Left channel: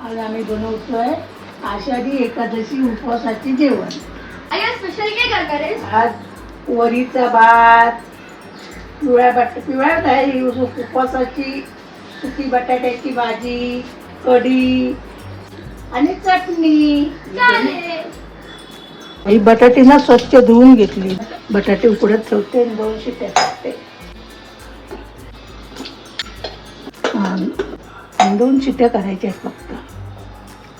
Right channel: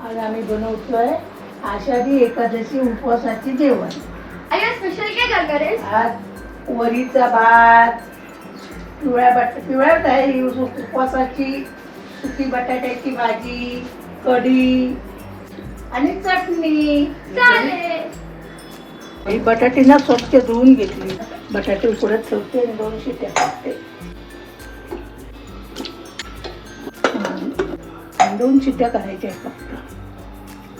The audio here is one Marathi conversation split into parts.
आज आम्ही बनवतोय आषाढी एकादशी उपवासाची जेवण. अरे स्पेशल काय करणार आहेस? आज वरीचा भात, पिवळ्या काय उपवासाची सुकी बटाट्याची भाजी, कढी आणि चटणी. चालेल. ही बटाटी ना स्वच्छ धुवून घेतली. बटाटे उकडत ठेवते आणि 2 शिट्या टाकते. 2 शिट्या करायच्या फक्त.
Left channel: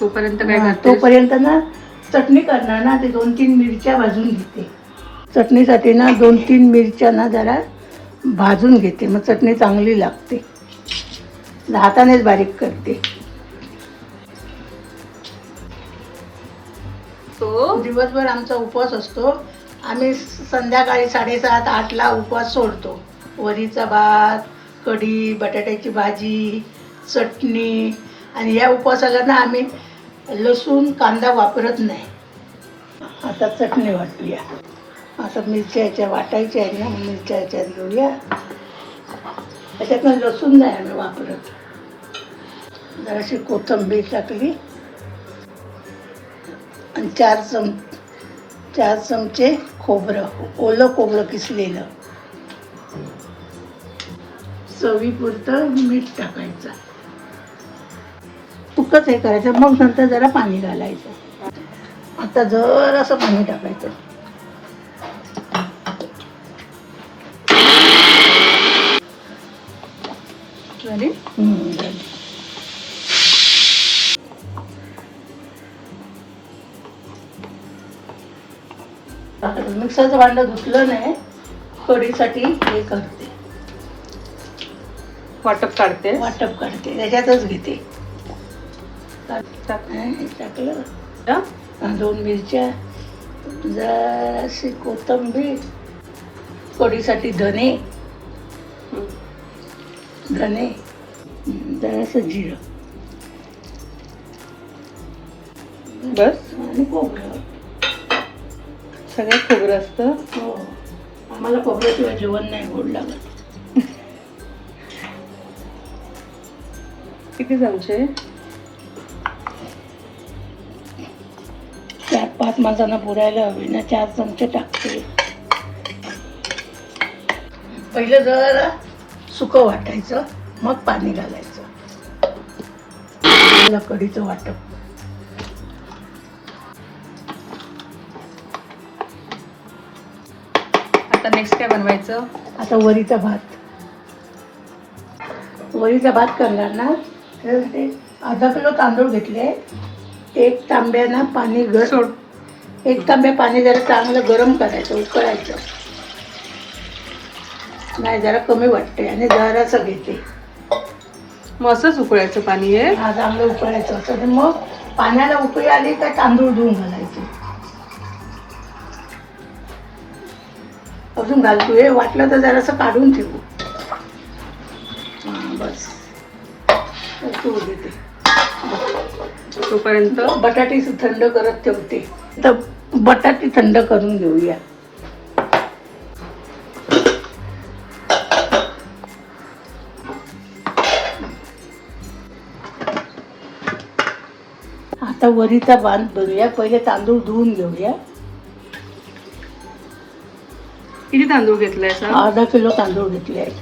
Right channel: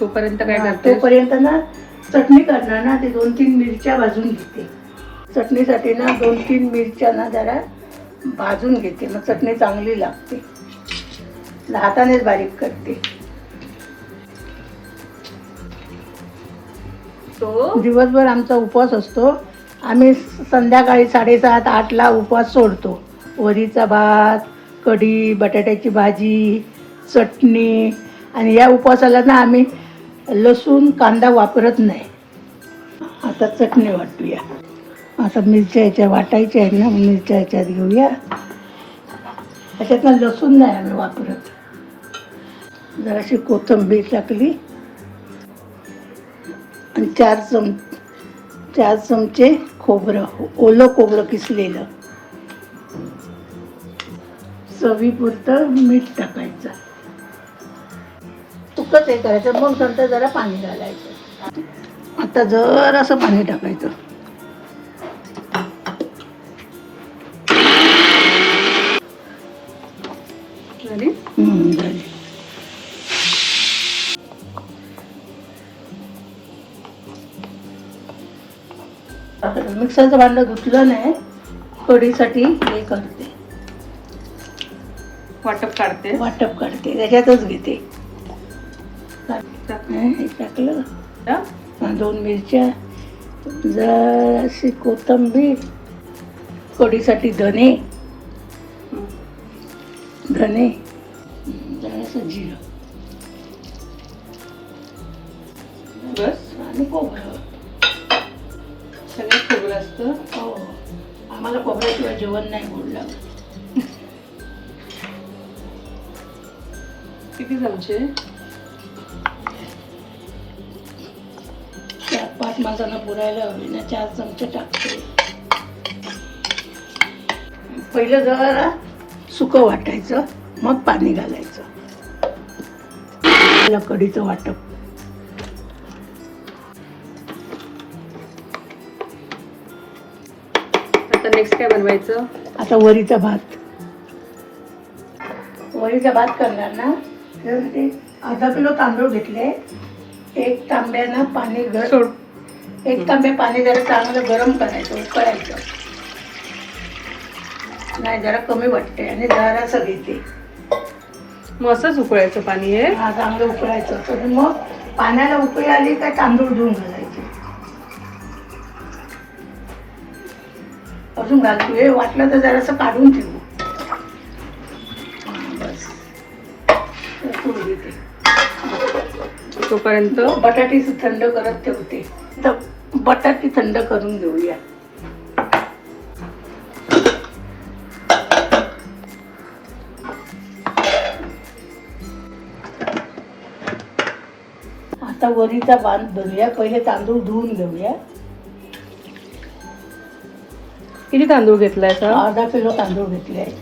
तोपर्यंत काय करते? तोपर्यंत ना चटणी करणार ना, ते 2-3 मिरच्या भाजून घेते. चटणीसाठी ना 2-3 मिरच्या ना जरा भाजून घेते, मग चटणी चांगली लागते. हातानेच बारीक करते. तो दिवसभर आमचा उपवास असतो. आम्ही संध्याकाळी 7:30-8ला उपवास सोडतो. वरीचा भात, कढी, बटाट्याची भाजी, चटणी. आणि या उपवासाला ना आम्ही लसूण कांदा वापरत नाही. आता चटणी वाटूया. आता मिरच्या याच्या वाटायच्या आहेत ना, मिरच्या याच्यात घेऊया. त्याच्यातनं लसूण नाही आम्ही वापरत. जराशी कोथिंबीर टाकली आणि 4 चमचे खोबरं, ओलं खोबरं किसलेलं. चवीपुरतं मीठ टाकायचं. फुकच हे करायचं, मग नंतर जरा पाणी घालायचं. आता जरासं पाणी टाकायचं. अरे मिक्सरचं भांडं धुतलं नाही, कढीसाठी हे करते, वाटप काढते. वाटप करते, त्याच्यातच घेते. हे टाकलं, 2 मिरच्या, जराशी कोथिंबीर, कढीसाठी धने, जरासं जिरं बस आणि खोबरं. सगळं खोबरं असतं. हो, आम्हाला खोबऱ्याशिवाय जेवण नाही गोड लागत. किती चमचे? 4-5 माणसांना पुरायला हवी ना, 4 चमचे टाकते. पहिलं जरा सुकं वाटायचं, मग पाणी घालायचं. कढीचं वाटप. आता नेक्स्ट काय बनवायचं? आता वरीचा भात. वरीचा भात करणार ना, तर ते 1/2 किलो तांदूळ घेतले. 1 तांब्यानं पाणी सोड. 1 तांब्या पाणी जरा चांगलं गरम करायचं, उकळायचं. नाही, जरा कमी वाटते आणि जरासं घेते. मग असंच उकळायचं पाणी हे. हा, चांगलं उकळायचं. तर मग पाण्याला उकळी आली का तांदूळ धुवून घालायचे. अजून घालतोय, वाटलं तर जरासं काढून ठेवू. बस तू देते. तोपर्यंत बटाटी थंड करत ठेवते. तर बटाटी थंड करून घेऊया. आता वरीचा भात भरूया. पहिले तांदूळ धुवून घेऊया. किती तांदूळ घेतलाय सा? 1/2 किलो तांदूळ घेतले आहे.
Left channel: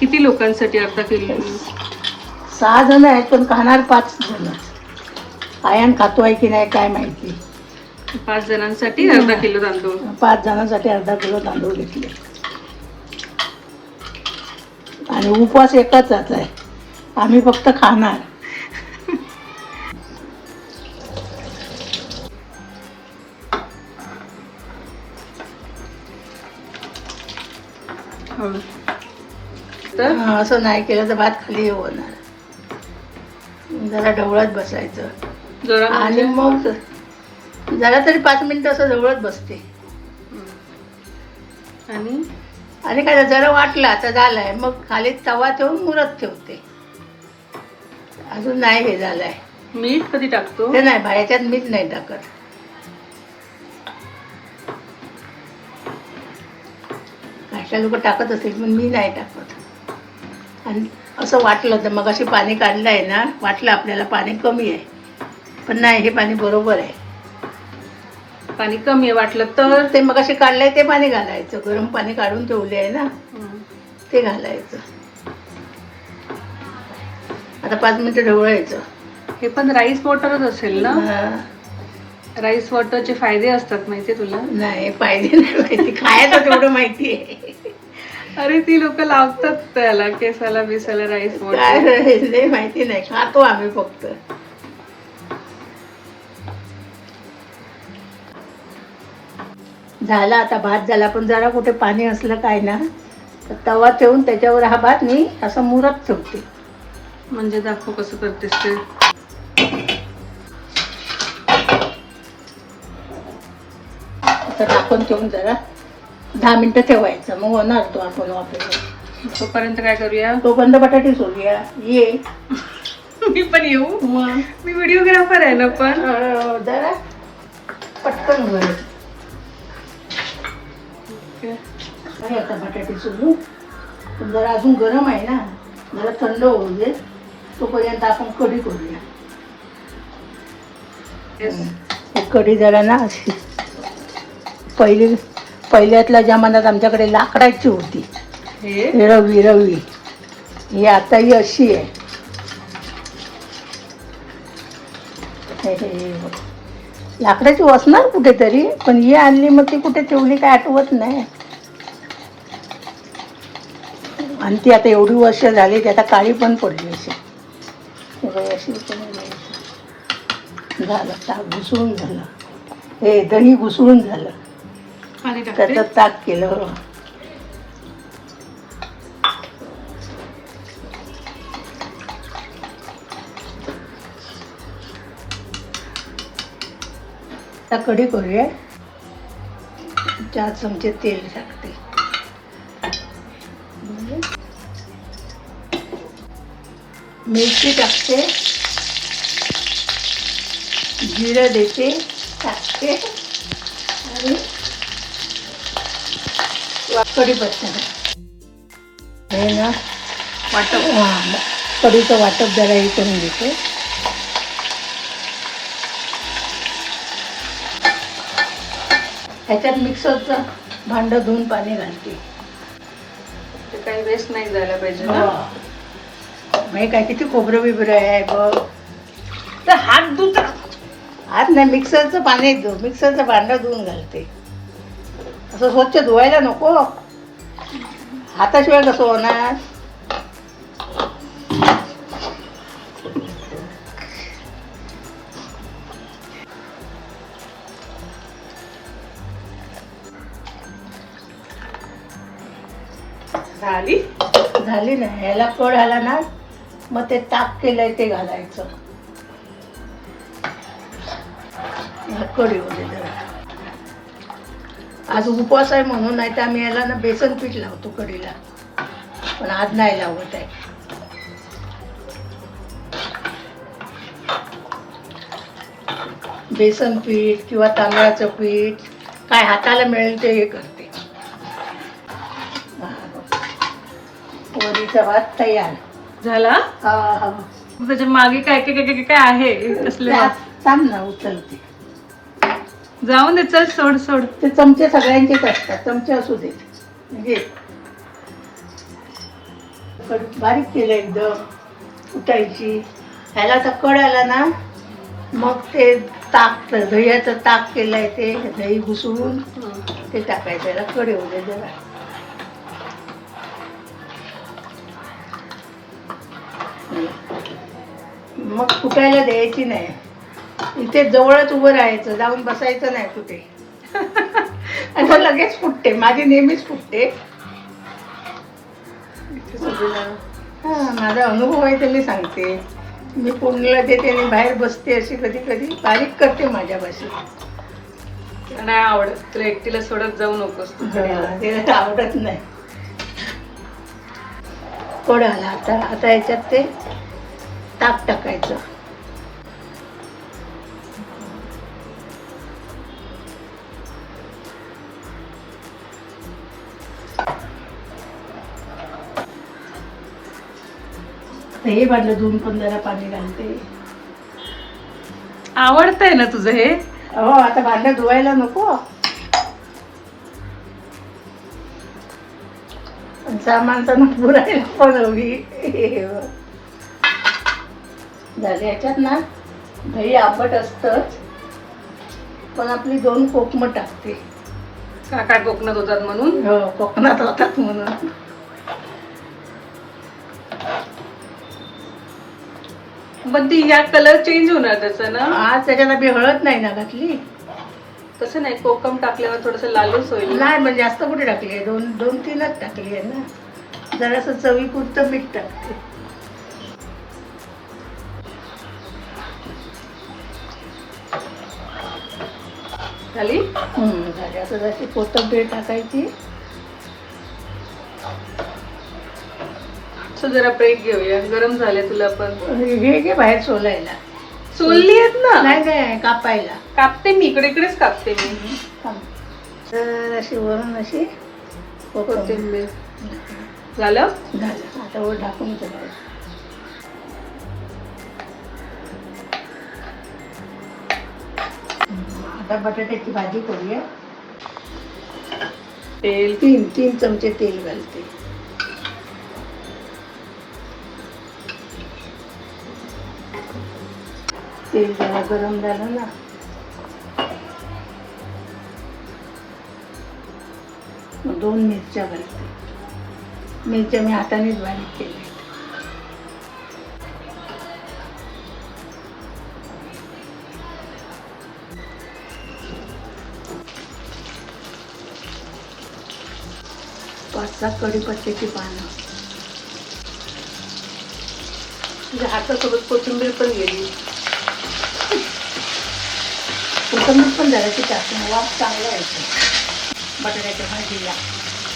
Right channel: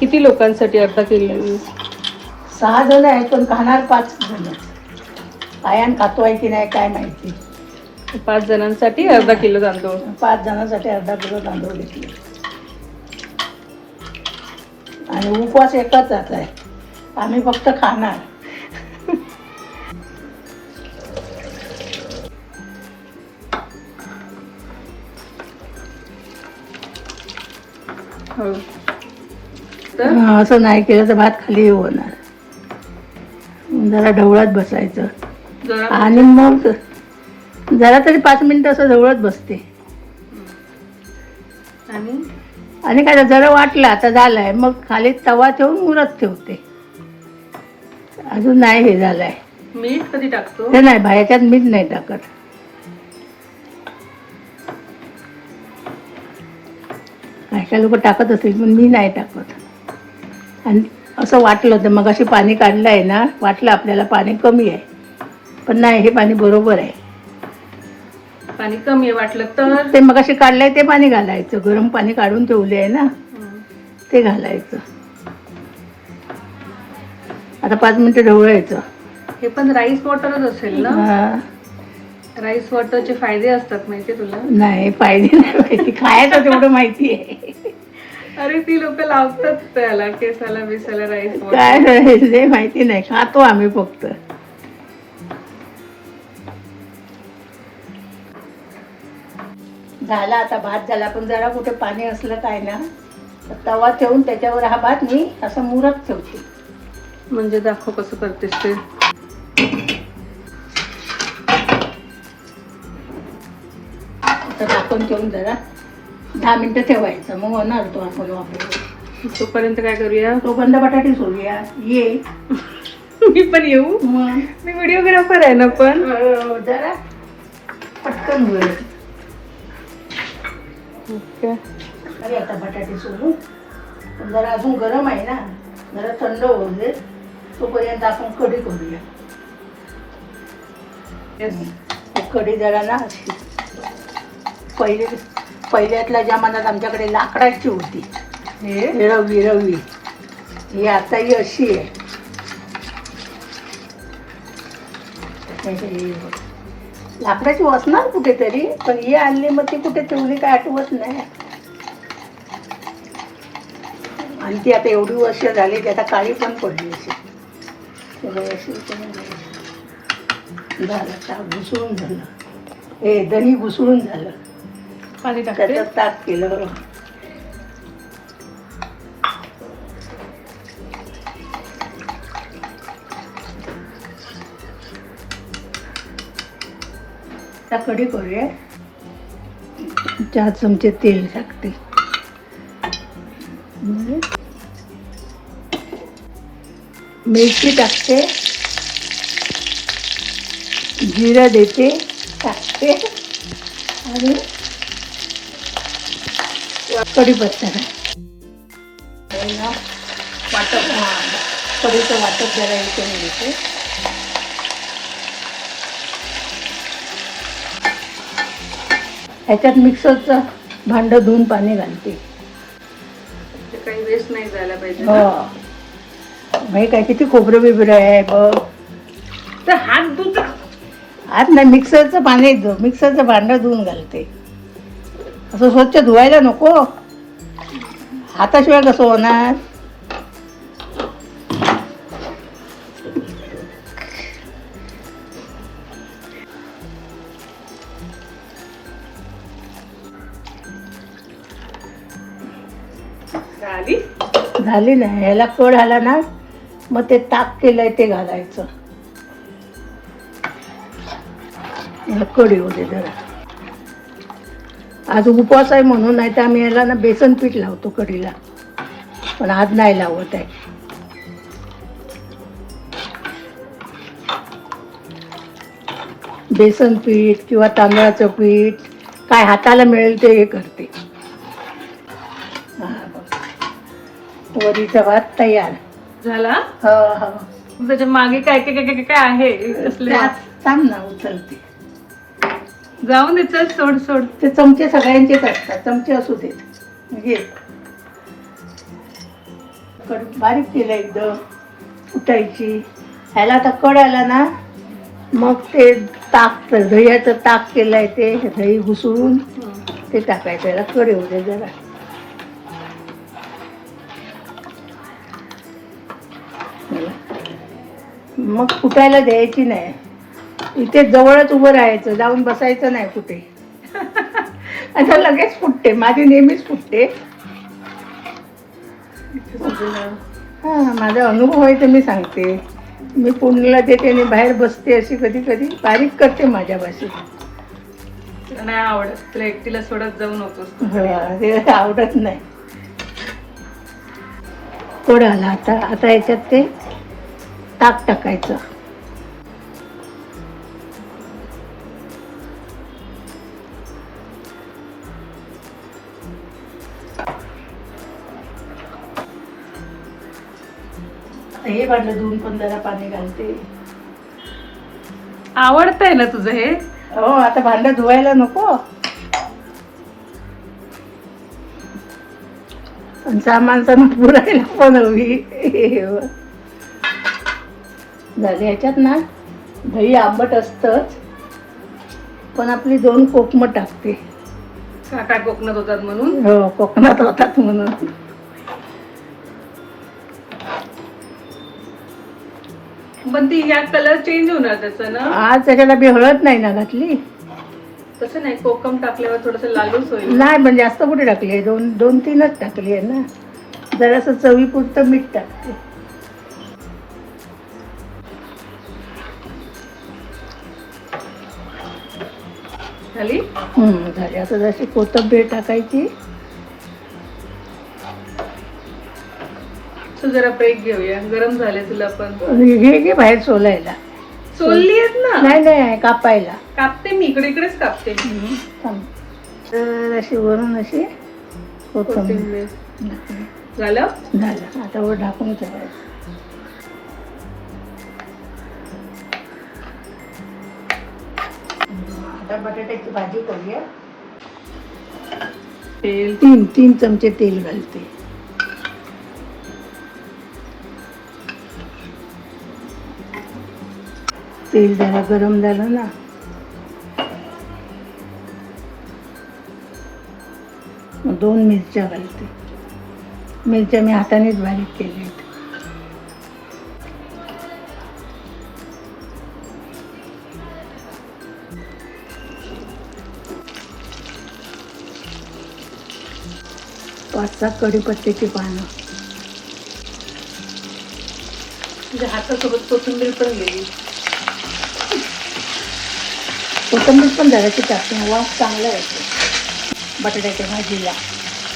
किती लोकांसाठी 1/2 किलो? 6 जण आहेत, पण खाणार 5 जण. आयान खातोय की नाही काय माहिती. 5 जणांसाठी 1/2 किलो तांदूळ. 5 जणांसाठी 1/2 किलो तांदूळ घेतले. आणि उपवास एकच आहे, आम्ही फक्त खाणार. हो. तर असं नाही केलं तर भात खाली होणार. जरा ढवळत बसायचं. जरा आणि मग जरा तरी 5 मिनिटं असं ढवळत बसते. आणि काय जरा वाटलं आता झालंय, मग खाली तवा ठेवून मुरत ठेवते. अजून नाही हे झालंय. मीठ कधी टाकतो? ते नाही, बाहेरच्यात मीठ नाही टाकत. काही लोक टाकत असतील, पण मी नाही टाकत. आणि असं वाटलं होतं मग अशी पाणी काढलं आहे ना, वाटलं आपल्याला पाणी कमी आहे, पण नाही, हे पाणी बरोबर आहे. पाणी कमी आहे वाटलं तर ते मग अशी काढलंय ते पाणी घालायचं, गरम पाणी काढून ठेवले आहे ना, ते घालायचं. आता 5 मिनिटं ढवळायचं. हे पण राईस वॉटरच असेल ना? हा. राईस वॉटरचे फायदे असतात माहितीये तुला? नाही, फायदे नाही माहिती, खायचं तेवढं माहिती आहे. अरे ती लोक लावतात त्याला केसाला बिसाला राईस काय वॉटर. नाही, माहिती नाही, खातो आम्ही फक्त. झाला आता भात झाला, पण जरा कुठे पाणी असलं काय ना तर तवा ठेवून त्याच्यावर हा भात मी असं मुरत ठेवते. म्हणजे दाखव कसं करतेस ते. असं टाकून ठेवून जरा 10 मिनिटं ठेवायचं, मग होणार तो आपण वापरू. तोपर्यंत काय करूया? तोपर्यंत बटाटे सोडूया. ये मी पण येऊ. मग मी व्हिडिओग्राफर आहे ना पण. जरा पटकन होईल. ओके. आणि आता बटाटे सोडू, पण जरा अजून गरम आहे ना, जरा थंड होऊ दे, तोपर्यंत आपण कढी करूया. कढी जरा ना अशी पहिल्यातल्या जमान्यात आमच्याकडे लाकडाची होती, हे रवली. ही आता ही अशी आहे. लाकडाची असणार कुठेतरी, पण ही आणली मग ती कुठे ठेवली काय आठवत नाही. आणि ती आता एवढी वर्ष झाली, ती आता काळी पण पडली अशी. झालं, ताक घुसळून झालं, हे दही घुसळून झालं, पाणी टाकते. त्याच्यात ताक केलं. आता कढी करूया. 4 चमचे तेल टाकते. मिरची टाकते, जिरं देते, टाकते आणि कढीपत्ता हे ना वाटप, कढीचं वाटप जरा हे करून देते. ह्याच्यात मिक्सरचं भांडं धुवून पाणी घालते. ते काही वेस्ट नाही जायला पाहिजे हो, ना? भाई काय किती खोबरं बिबरं आहे बघ. तर हात धुत. आज नाही, मिक्सरचं पाणी, मिक्सरचं भांडं धुवून घालते. असं स्वच्छ धुवायला नको, हाताशिवाय कसं होणार. झाली नाही, ह्याला कळ आला ना मग ते ताक केलंय ते घालायचं. कढी होते जरा. आज उपवास आहे म्हणून, नाही तर आम्ही याला ना बेसन पीठ लावतो कढीला, पण आज नाही लावत आहे. बेसन पीठ किंवा तांदळाचं पीठ काय हाताला मिळेल ते हे करते. वरीचा भात तयार झाला. हो. मग त्याच्या मागे काय काय काय काय आहे कसले? सांग ना, उचलते. जाऊन दे, चल सोड सोड. ते चमचे सगळ्यांचेच असतात, चमचे असू दे. घे, बारीक केलं एकदम उठायची. ह्याला आता कळ आला ना मग ते ताक, दह्याचं ताक केलंय ते दही घुसळून ते टाकायचं. याला कढी होते जरा. मग फुटायला द्यायची नाही, इथे जवळच उभं राहायचं, जाऊन बसायचं नाही कुठे. आणि मग लगेच फुटते, माझी नेहमीच फुटते. माझा अनुभव आहे तर मी सांगते. मी पुण्याला देते आणि बाहेर बसते, अशी कधी कधी बारीक करते माझ्या भाषेत. नाही आवडत तुला, एकटीला सोडत जाऊ नकोस तू. ते आवडत नाही. थोडं आला आता. आता याच्यात ते ताक टाकायचं. हे भांडलं धुवून पण जरा पाणी घालते. आवडतंय ना तुझं हे? हो आता भांडं धुवायला नको. आणि सामान तर पुरायला पण हवी. झाले याच्यात ना दही आंबट असतच, पण आपली 2 कोकमं टाकते. काका कोकणात होतात म्हणून. हो कोकणात होतात म्हणून. पण ती या कलर चेंज होणार त्याचा ना. आज त्याच्याला बी हळद नाही ना घातली. तसं नाही, कोकम टाकल्यावर थोडस लालूच होईल. नाही पण जास्त कुठे टाकली आहे, 2-3च टाकली आहे ना. जरासं चवीपुरतं मीठ टाकते. झाली. झाली. आता जशी कोथिंबीर टाकायची. सो जरा ब्रेक घेऊया, गरम झाले तुला पण. हे घे बाहेर सोलायला. सोलली आहेत ना. नाही कापायला. कापते मी, इकडेच कापते मी. तर अशी वरून अशी कोथिंबीर. झालं. झालं. आता वर ढाकून ठेवायचं. आता बटाट्याची भाजी करूया. तेल. 3 चमचे तेल घालते. तेल जरा गरम झालं ना, मग 2 मिरच्या घालते. मिरच्या मी हातानेच बारीक केली. पाच 7 कढीपत्त्याची पानं. तुझ्या हातासोबत कोथिंबीर पण गेली. कोथिंबीर पण झाल्याची टाकून वास चांगला येतो बटाट्याच्या भाजीला.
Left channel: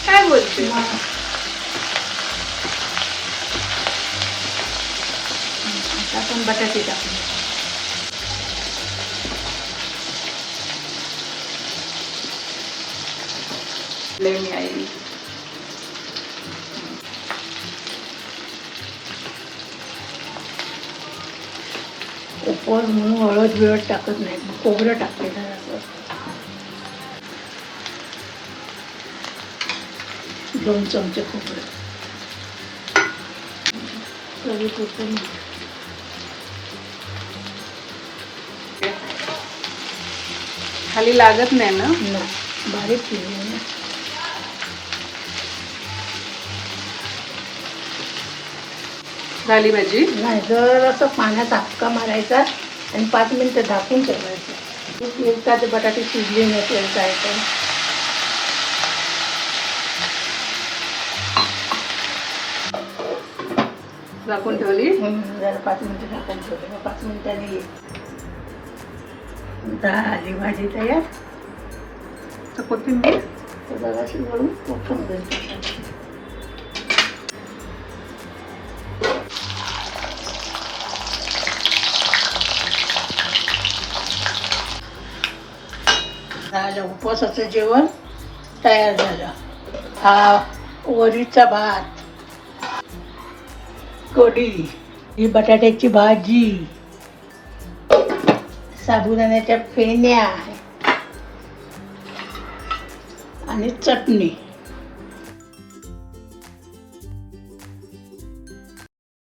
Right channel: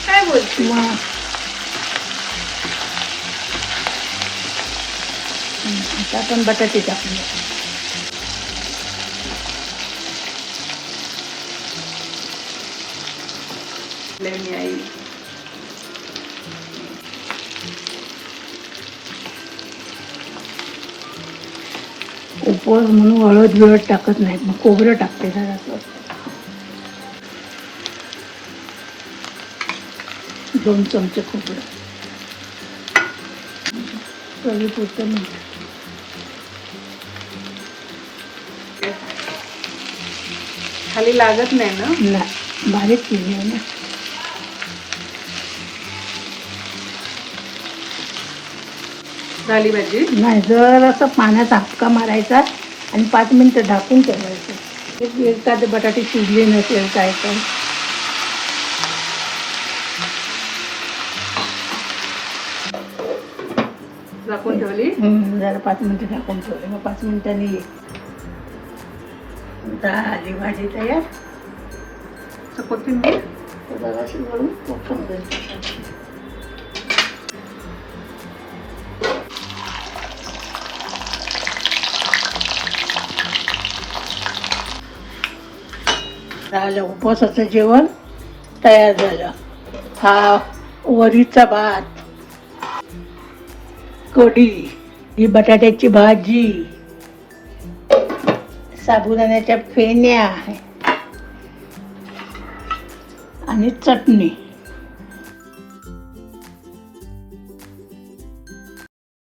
काय बोलते? आता आपण बटाटे टाकले. नाही. उपवास म्हणून हळद टाकत नाही, मग खोबरं टाकते जरासं. 2 चमचे खोबरं. खाली लागत नाही ना. बारीक केली ना. झाली भाजी. नाही जरासा पाण्याचा हापका मारायचा आणि 5 मिनिटं ढाकून ठेवायचं. एखादे बटाटे शिजले नसेल काय तर झाकून ठेवली. जरा 5 मिनिटं ढाकून ठेवले. मग 5 मिनिटांनी झाली भाजी तयार. तर कोथिंबीर जराशी वरून कोथिंबीर टाकायची. उपवासाचं जेवण तयार झालं. हा वरीचा भात, कढी, ही बटाट्याची भाजी, साबुदाण्याच्या फेण्या आणि चटणी.